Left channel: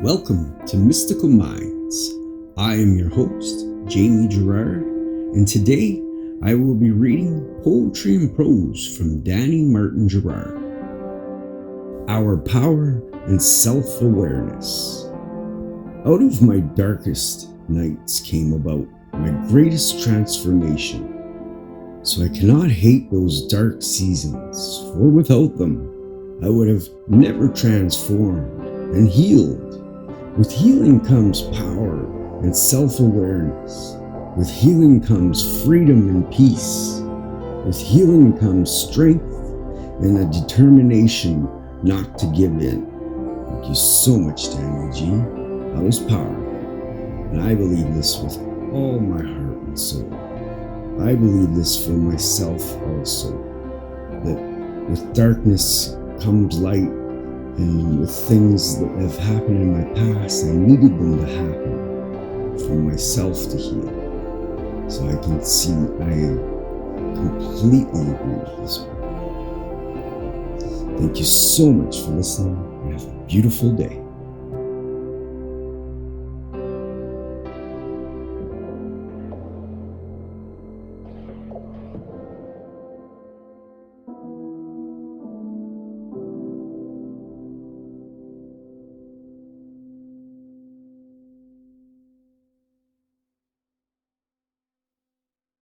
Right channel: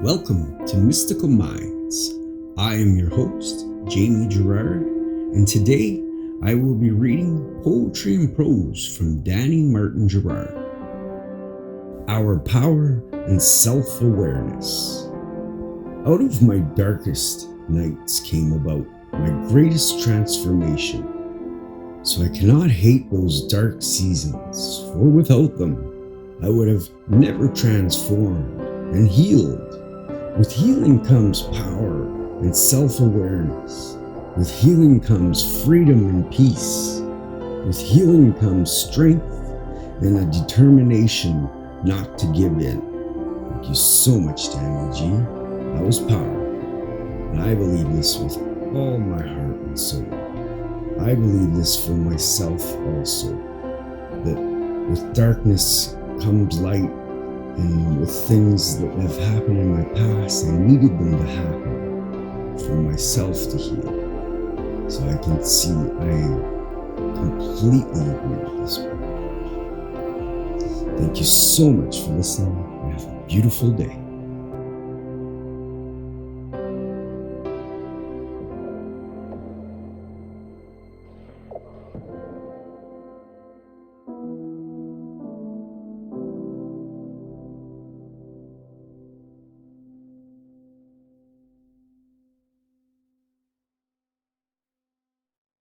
Welcome to Mystical Minds. I am your host, Jamie Girard, and today I will be reading Poetry and Prose from Danny Martin Girard. Our Power and Self-Awareness. Out of my darkest nights came about my greatest transformation. So I cannot hate those dark seasons, for without them, I would have never transformed and healed. With healing comes power and self-awareness. With healing comes freedom and peace. With healing comes strength and a determination not to give in. Thank you so much, Danny G. That was power. And I believe this with all my heart and soul. I believe this for myself also, that with darkness comes light. And with things that have happened in my past, I needed them to happen for myself to heal. So I can see I completely agree with this book. Thank you so much for listening and have a beautiful day.